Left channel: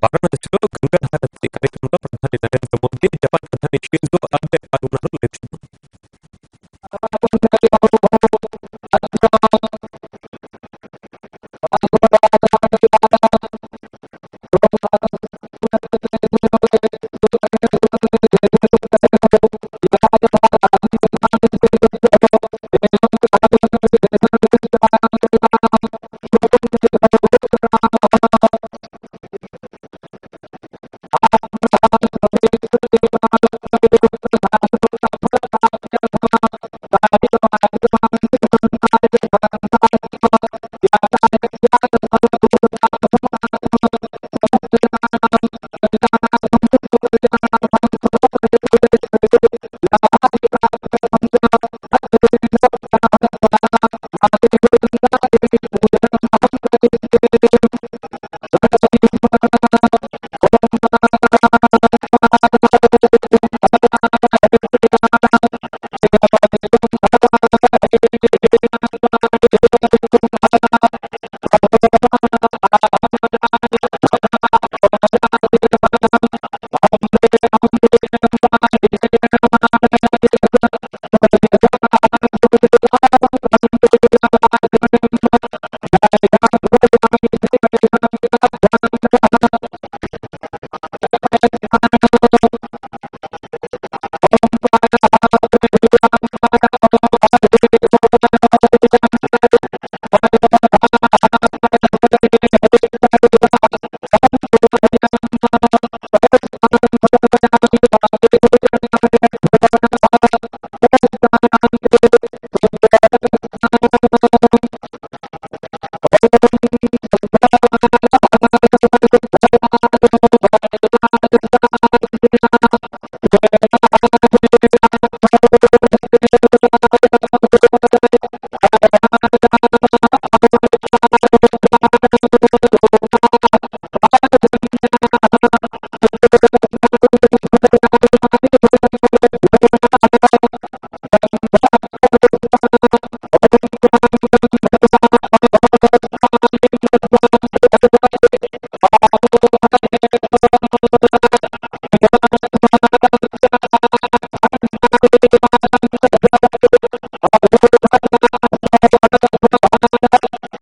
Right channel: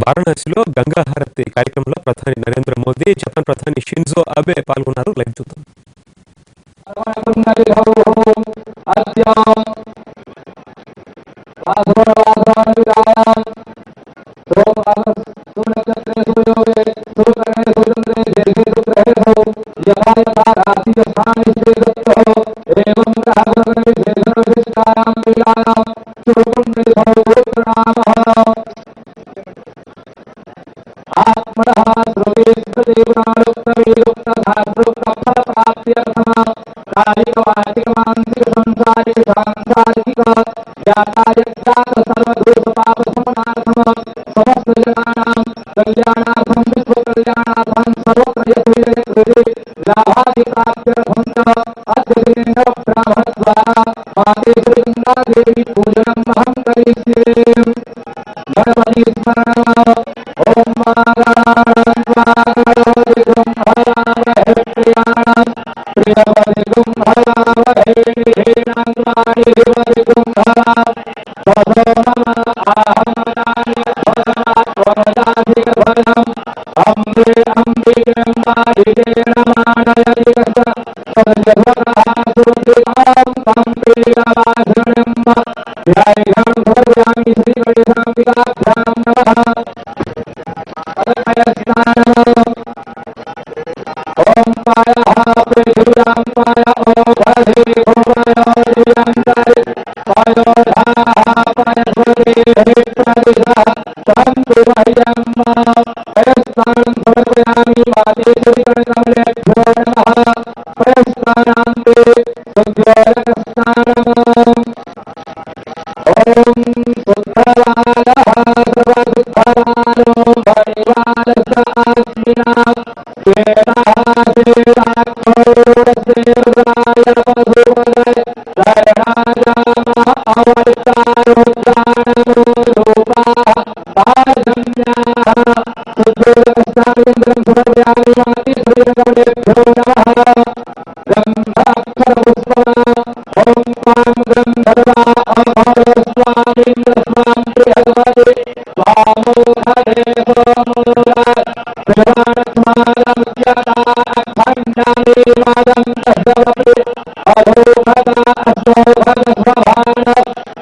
వారణాసిలో గంగా హారతి కార్యక్రమంలో ప్రధాని నరేంద్ర మోదీ, జపాన్ ప్రధాని షింజో అబే పాల్గొన్నారు. లైవ్ చూద్దాం. सुनक्षत्रे सुयोगे सुकर्णे सुचंद्रे देशे सुग्रहेषु यथा यथा राशि स्थानिष्ठे दत्तो एवं ग्रह गुणगण विशेषण विशिष्टायां वेलायां शुभ पुण्यलिधौ गोत्रनामः आत्मनः श्रुति स्मृति पुराणोक्त वेदोक्त शास्त्रोक्त फल प्राप्त्यर्थम कायिक वाचिक मानसिक सांसारिक सांसारिक ज्ञाता यज्ञात सर्वदोष पाप समनार्थम समस्त जनानां कल्याणार्थम विश्व कल्याणार्थम सर्वत्र यशोजय कृते लाभादि प्राप्त्यर्थम च अद्य दिने नव ब्राह्मण द्वारा माते श्री गंगा देवी पूजनम् अहं करिष्ये। गणपति स्मरणम ओम मंगलानां त्वा गणपति गुंहलामहे प्रियाणां प्रियपति गुंहलामहे निधीनां त्वा निधिपति गुंहलाम ततो मम आहमजानिर्भोधमात्मजासि गर्भजम् अम्बे अम्बिकेऽम्बालिकेण मानयति कस सद्यस्वकः सुभद्रिकां कम्पीलवासिनीम् ध्यायेऽहं समर्पयामि श्रीगणेशाम्बिकाभ्यां नमः। पयस्नानम् ओम पायः पृथिव्यां पाय ओघधे गोपयो दिव्यन्तरि पयोधाः पयस्वदेः प्रदिशः तन्तु मह्यम्। पयस्नानं समर्पयामि माते सूर्यगणकमलेभ्यो नमः। पयस्नानान्ते शुद्धोदकस्नानम् ओम शुद्धवालः सर्वशुद्धवालो मणिवालस्य आस्मिना श्वेतः श्वेताक्षोरुणस्य रुद्राय पशुपदय कर्णाजामः अवलिप्तारुद्राणमो रूपाः पार्जन्याः। शुद्धोदकस्नानयन्त्रं समर्पयामि माते सूर्यगणकमलेभ्यो नमः। गंध अक्षत पुष्पमा ओम त्वां गंधर्वा अघोरो स्वामिन्द्र स्वां बृहद्पति स्वामोखधे सोमोरा पिलवाणक्ष्मादमुच्यता अखण्डानि मादं तस्वप्रि अधोघता अस्तोघत स्वभान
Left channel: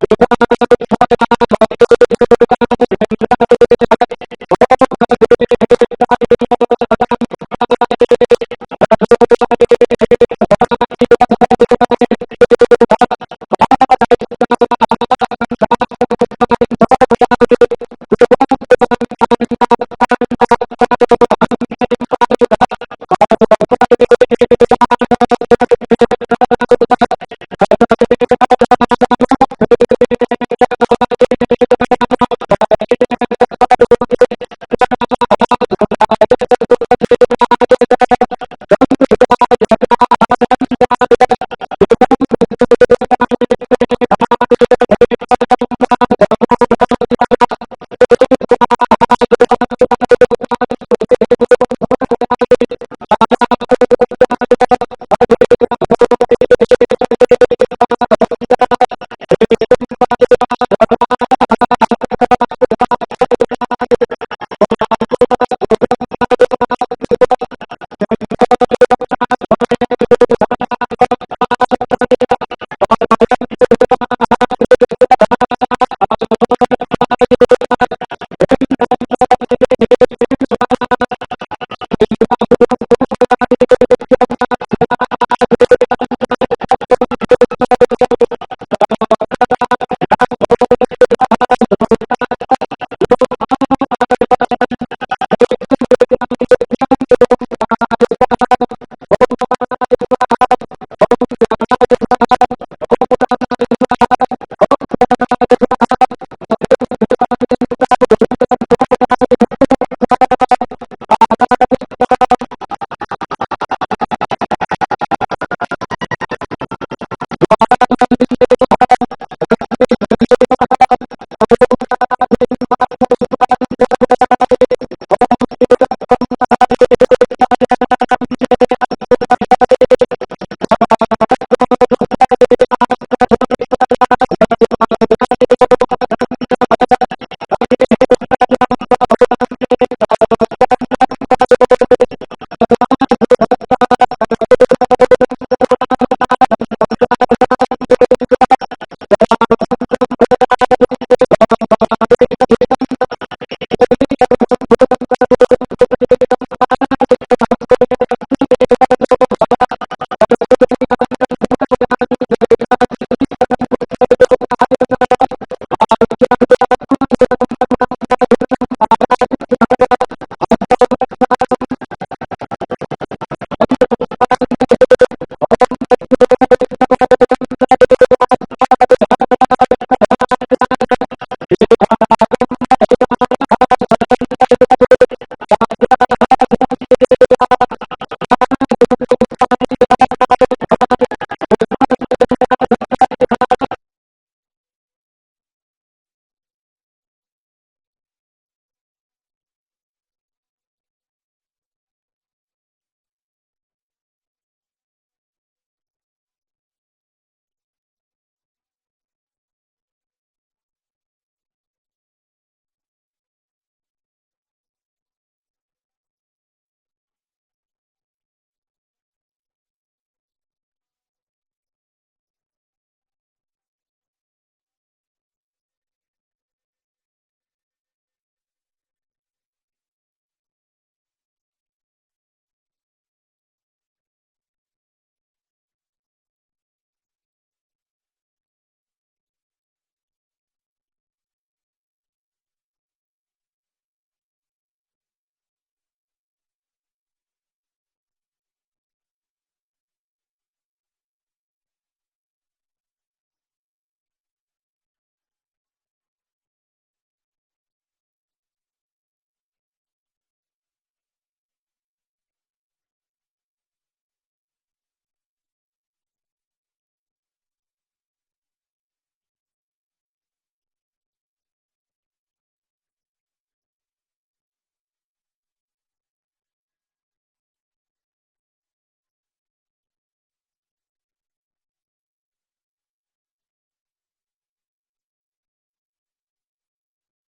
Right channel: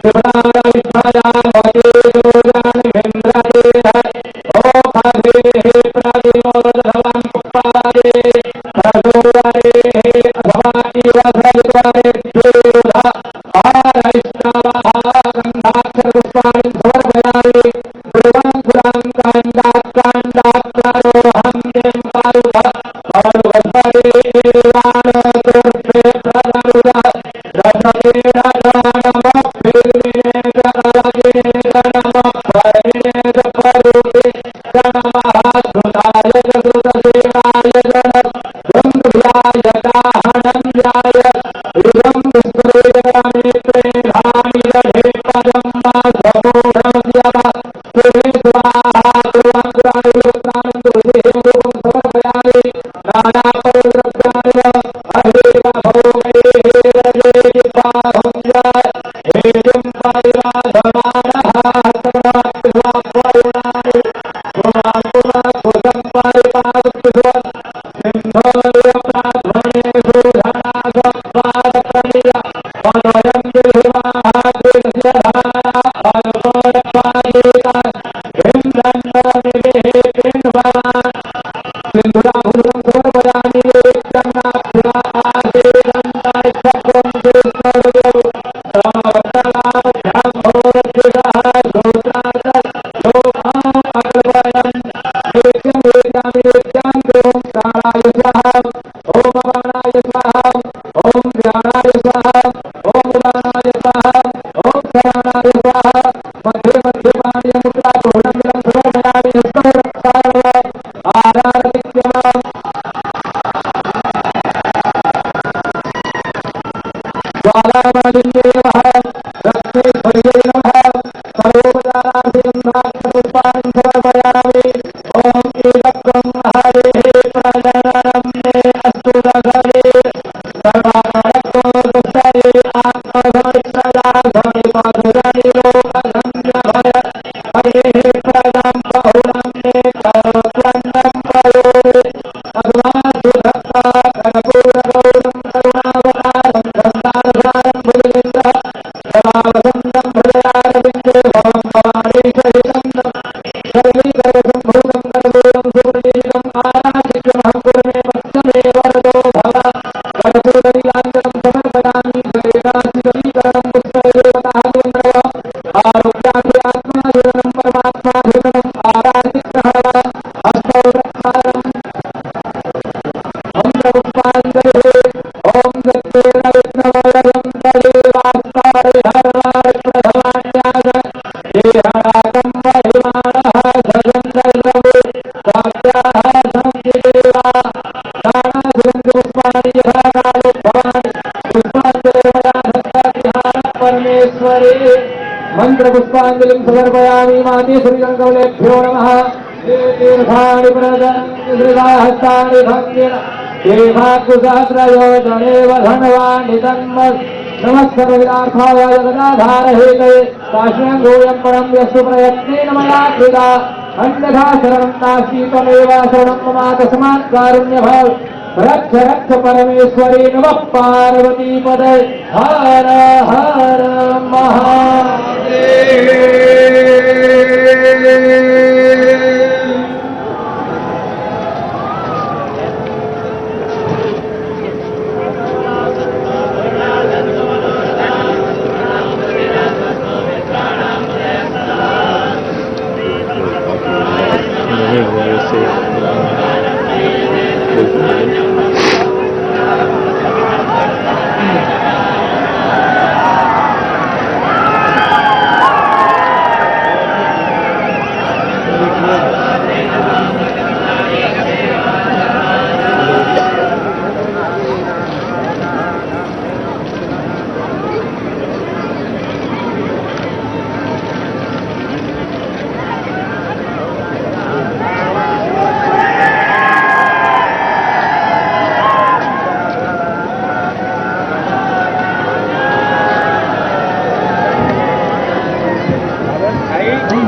विभ्राण विष्ठयामते जोजानमिन्द्रदेह ओखधेः प्रतिमोदधवां पुप्पवदे प्रसोवरेः अथवा इव सलित्वरेभ्येरुध पारैष्णवः गन्धाक्षरपुष्पाणि समर्पयामि। दुर्वाङ्कुरां काण्डात्काण्डात्कारोऽहं तिं पारुध पारुगस्परे एवानो तुर्भे प्रदरुध रसतेन च नमः फिल्मिने च कवचिने च नमः फल्मिने च परुति च नमः श्रुताय च श्रुतसेनाय च नमः गन्धव्याय चाहनन्याय इदं विष्णुर्वेदग्रामेत्रे धानि दधे पदं मा समूढमस्यव सुरे स्वाहा। दुर्वाङ्कुराणि तुलसीः रूपं समर्पयामि। नानापर्वद्रव्याणि व अहिव भोगैः व्रजेति बाहुं जाय हेतुं परिवाधमानः हस्तगणात्पिस्वाप्वयुणानि पुमान् पुनः कुशं परिपादुप्तिस्वन् सिंहोरिव प्राध्वनेषु धनासपादप्रमिय पदयं विधिवाः कृतस्य धारा अनुकोणपागीता बिन्दन्वर्निभिः पिण्वमा। सिन्धुराभूषणं समर्पयामि नैवेद्यं नाभ्या आसीदन्तरिक्षं कृष्णहृदयौ समवर्तलापभ्यां भोवर्तिषः श्रोत्रार्थ लोकान् अकल्पयन् नैवेद्यं निवेदयामि नैवेद्यान्ते ओं प्राणाय स्वाहा ओं अपानाय स्वाहा ओं व्यानाय स्वाहा ओं उदानाय स्वाहा ओं समानाय स्वाहा। मध्ये मध्ये पानीयमुद्रापूर्णं जलं समर्पयामि। हस्तौ रक्षाय नमः आरारतिक्यमाम् ज्वालामालिन्ये नमः रत्नेश्वर्यै नमः। सर्वोपचारार्थे गन्धाक्षरपुष्पाणि समर्पयामि। ओम ईदत्वं हरेः प्रजननं मे अस्तु दशवीर सर्वाकारको दुष्टये आत्मधनि प्रजा धनि पशुधनि लोकधन्य भय अग्नेः प्रजां बहुलं मे करोत्वन्नं पयोरे अधमासु धत्ता कर्पूरगौरं करुणावतारं संसारसारं भुजगेन्द्रः सदा वसन्तं हृदयारविन्दे भवं भवानी सहितं सर्वीकर्वसम्भूतं कर्पूरं सुप्रदीपितम् आराधिक्यमहं कुर्मे पश्य मे वरदो भव कर्पूरनीलाञ्जनं समर्पयामि जलेनाशीतलीकरणं पुष्पै देवतादिवन्दनव आरोग्यार्थे आत्माधीननं परमात्माधीनम् आराधिग्रहणव हस्तौ प्रक्षालनम् मंत्रपुष्पाञ्जलिः ओम दक्षिण विष्णवयं तदेवास्तारे हरवार प्रथमान्यास देहणाकं महिमानः सजन्दद्रवु साध्याः सन्ति देवा नानासुगन्धपुष्पाणि यथा कालोद्भवानि पुष्पाञ्जलिर्मया दत्ता गृहाणः परमेश्वरे मन्त्रपुष्पाञ्जलिं समर्पयामि माते श्रीरङ्गवलेभ्यो नमः तीर्थानि प्रदन्ति श्रीहस्तानि भङ्गिन देवाकुसहस्रयोजनेव धनवानि तन्मत् नमः सर्वविदार्थाय जगदाधारहेतये काश्यङ्गोऽयं परं यस्तु प्रयत्नेन मया कृता अन्यथा शरणं नास्ति त्वमेव शरणं मम तस्मात् कारुण्यभाव रक्ष रक्ष परमेश्वरी नमः पार्वतीपदे हर हर महादेव।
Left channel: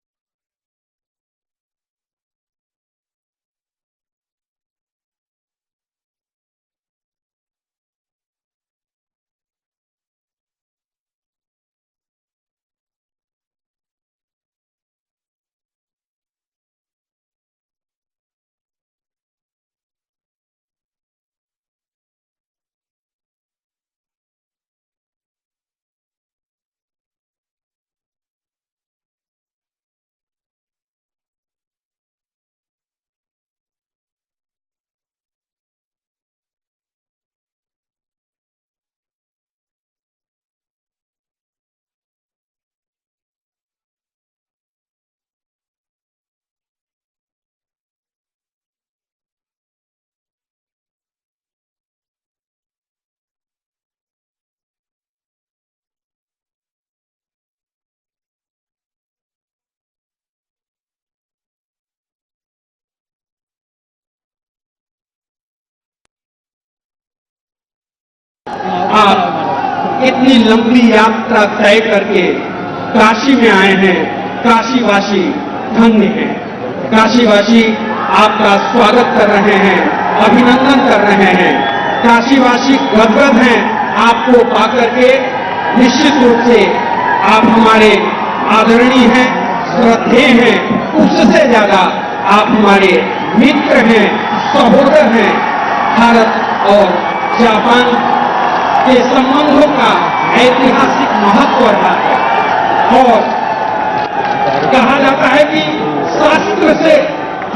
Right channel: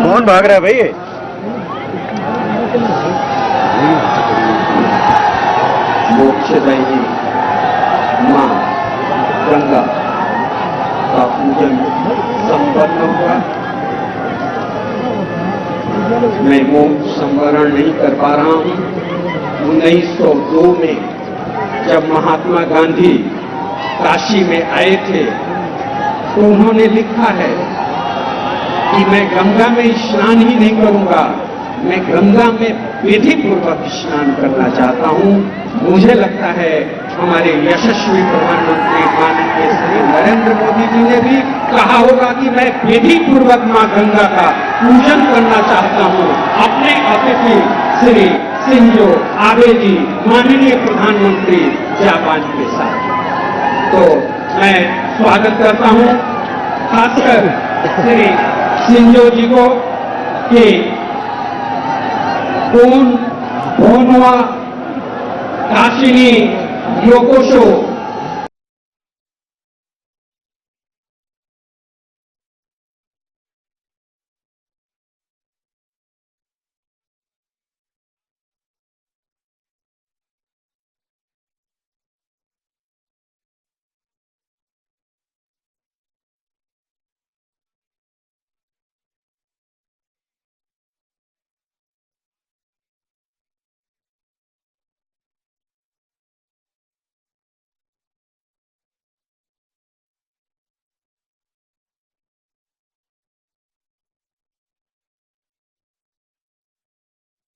कौन भाग रहा है भाई? मोक्षदायिनी मां गंगा का पूजन संपन्न होगा। मैं मोक्ष संवरण नहीं कर पा रहा हूं। 1902 में जब महात्मा गांधी काशी में आए थे तो उन्होंने लिखा है कि मैं गंगा में स्नान ही नहीं करूंगा, मैं गंगा में विधि पूर्वक स्नान करना चाहता हूं। मुझे लगता है हमारे यशस्वी प्रधानमंत्री माननीय श्री नरेंद्र मोदी जी ने भी कहा होगा कि मैं विधि पूर्वक मां गंगा का पूजन करना चाहता हूं। अपने अतिथि श्री शिंजो आबे जी माननीय प्रधानमंत्री जापान के साथ, तो मैं स्वागत करता हूं खासकर श्री शिंजो जी को कि भोनवा काशिनी योकोशो आप इतनी लंबी यात्रा तय करके काशी में आए हैं। काशीवासी धन्य हैं। काशीवासी आपका स्वागत कर रहे हैं, अभिनंदन कर रहे हैं। काशीवासी गदगद हैं आपको पाकर के। निश्चित रूप से आप हमारे आदरणीय हैं, श्रद्धेय हैं, उससे ज्यादा आप हमारे मित्र हैं, सहोदर हैं। भारत और जापान के संबंधों का ऐतिहासिक महत्व रहा है और कहा जाता है कि शास्त्र से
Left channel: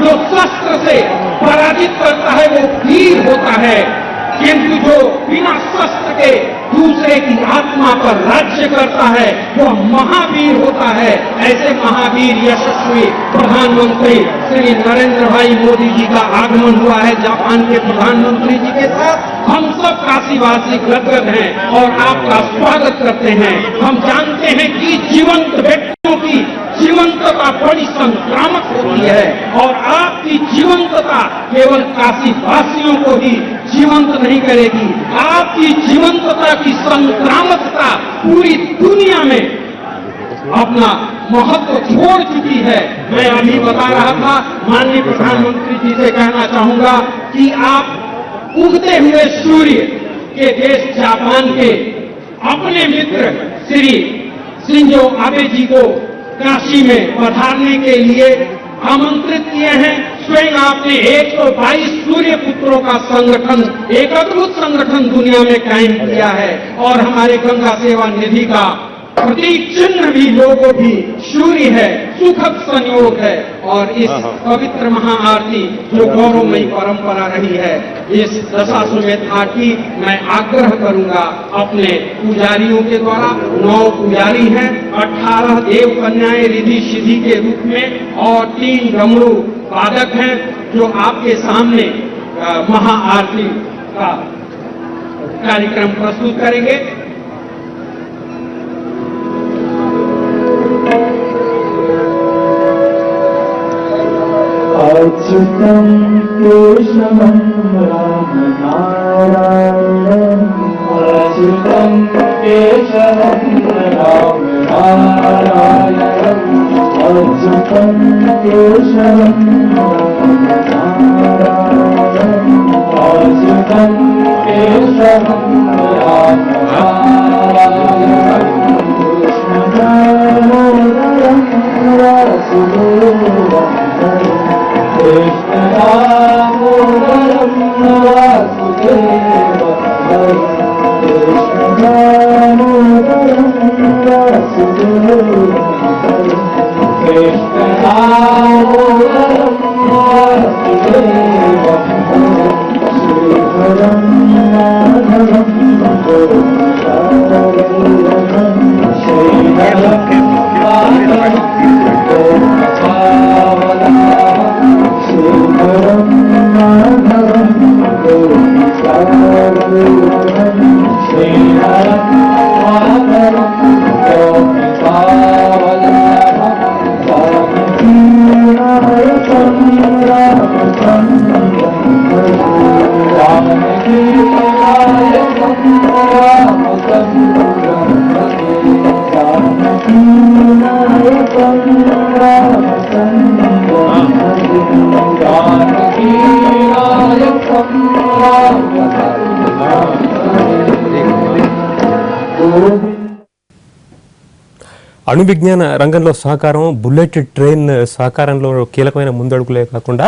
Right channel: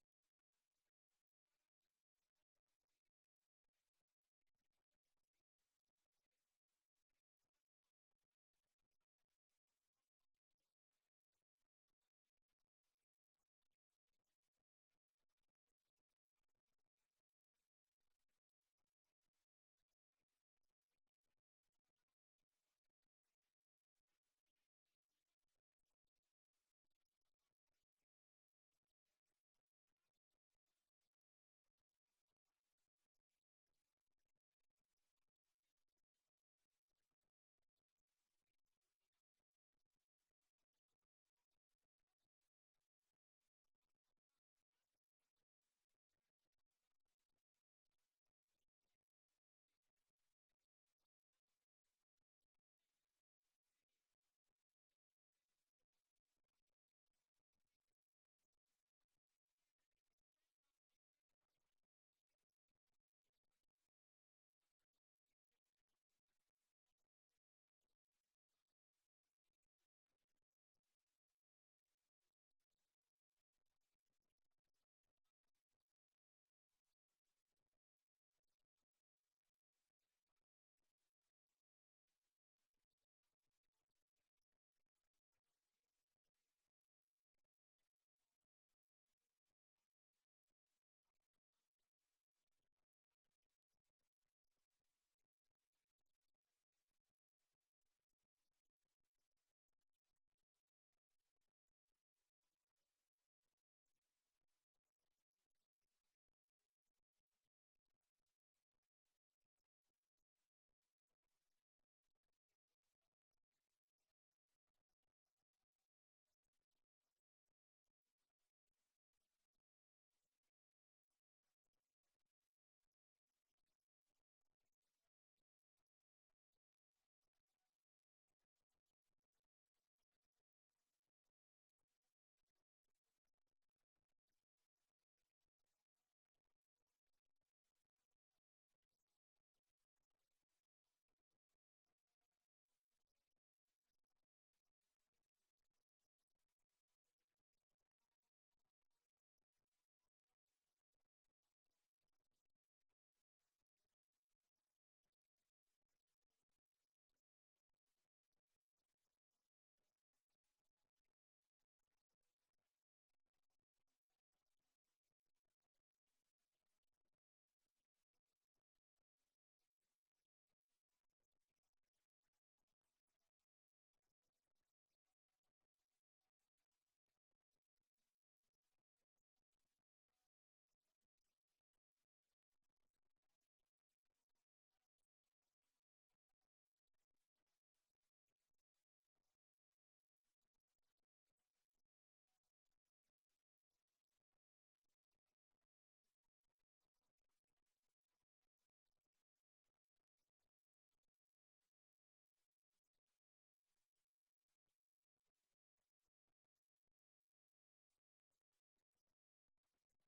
जो शस्त्र से पराजित करता है वो वीर होता है, किंतु जो बिना शस्त्र के दूसरे की आत्मा पर राज्य करता है वो महावीर होता है। ऐसे महावीर यशस्वी प्रधानमंत्री श्री नरेंद्र भाई मोदी जी का आगमन हुआ है जापान के प्रधानमंत्री जी के साथ। हम सब काशीवासी गदगद हैं और आपका स्वागत करते हैं। हम जानते हैं कि जीवंत व्यक्तियों की जीवंतता बड़ी संक्रामक होती है और आपकी जीवंतता केवल काशीवासियों को ही जीवंत नहीं करेगी, आपकी जीवंतता की संक्रामकता पूरी दुनिया में अपना महत्व छोड़ चुकी है। मैं अभी बता रहा था, माननीय प्रधानमंत्री जी से कहना चाहूंगा कि आप उगते हुए सूर्य के देश जापान के अपने मित्र श्री शिंजो आबे जी को काशी में पधारने के लिए आमंत्रित किए हैं। स्वयं आपने 122 सूर्य पुत्रों का संगठन, एक अद्भुत संगठन दुनिया में कायम किया है और हमारे गंगा सेवा निधि का प्रतीक चिन्ह भी लोगो भी सूर्य है, सुखद संयोग है। और इस पवित्र महाआरती जो गौरवमयी परंपरा रही है, इस दशाश्वमेध आरती मैं आग्रह करूंगा अपने पुजारियों के द्वारा। 9 पुजारी हैं, 18 देव कन्याएं रिधि सिद्धि के रूप में और 3 डमरू वादक हैं जो आपके सामने महाआरती का कार्यक्रम प्रस्तुत करेंगे। अच्युतं केशवं राम नारायणं, अच्युतं केशवं राम नारायणं, अच्युतं केशवं राम नारायणं, अच्युतं केशवं राम नारायणं, कृष्णदामोदरं वासुदेवं कृष्णदामोदरं वासुदेवं कृष्णदामोदरं वासुदेवं कृष्णदामोदरं वासुदेवं श्रीधरं माधवं गोविन्दं श्रीधरं माधवं श्रीधरं माधवं गोविन्दं श्रीधरं माधवं गोविन्दवल्लभं जानकीनायकं रामचन्द्रं जानकीनायकं रामचन्द्रं जानकीनायकं रामचन्द्रं जानकीनायकं रामचन्द्रं। అణు విజ్ఞాన రంగంలో సహకారం, బుల్లెట్ ట్రైన్ సహకారంలో కీలకమైన ముందడుగులే కాకుండా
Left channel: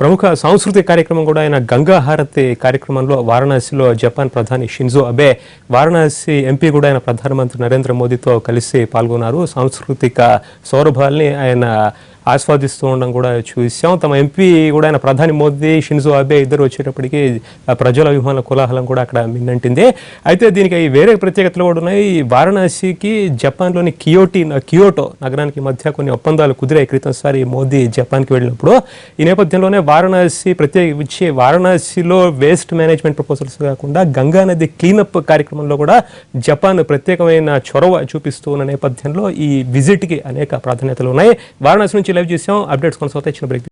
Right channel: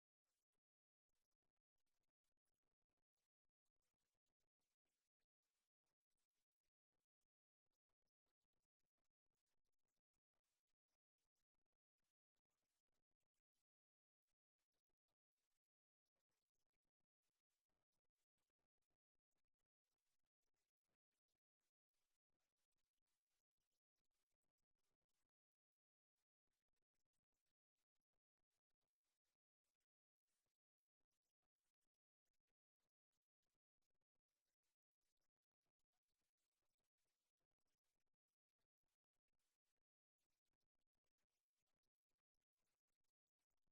ప్రముఖ సాంస్కృతిక కార్యక్రమం కూడా ఆయన గంగా హారతి కార్యక్రమంలో వారణాసిలో జపాన్ ప్రధాని షింజో అబే, వారణాసి ఎంపీ కూడా ఆయన ప్రధానమంత్రి నరేంద్ర మోదీతో కలిసి పాల్గొన్నారు. సాంస్కృతిక సౌరభాల్ని ఆయన ఆస్వాదిస్తూ ఉండడం కూడా చూసాం. తమ ఎంపీ కూడా ఆయన ప్రధాని మోదీ, షింజో అబే ఇద్దరు వచ్చేటప్పటికి ప్రజల అభిమానుల కోలాహలం కూడా అక్కడ మిన్నంటింది. అయితే దీనికి వేరే ప్రత్యేకతలు కూడా ఉన్నాయి. వారణాసికి జపాన్లోని కియోటో నగరానికి మధ్య కొన్ని ఒప్పందాలు కుదిరాయి క్రితంసారి మోదీ జపాన్కి వెళ్ళినప్పుడు. ఈ నేపథ్యంలోనే వారణాసి ప్రత్యేకించి వారణాసిలో వేస్ట్ మేనేజ్మెంట్ ప్రపోజల్స్ కాకుండా గంగా నది క్లీనప్ కార్యక్రమంలో కూడా జపాన్ ప్రత్యేకమైన చొరవ చూపిస్తూ ఉన్న నేపథ్యంలో ఈ విజిట్కి అనేక ప్రాధాన్యతలు ఉన్నాయి. వారణాసి నుంచి లైవ్ చేసాం. అప్డేట్స్ కొనసాగుతాయి. చిన్న బ్రేక్.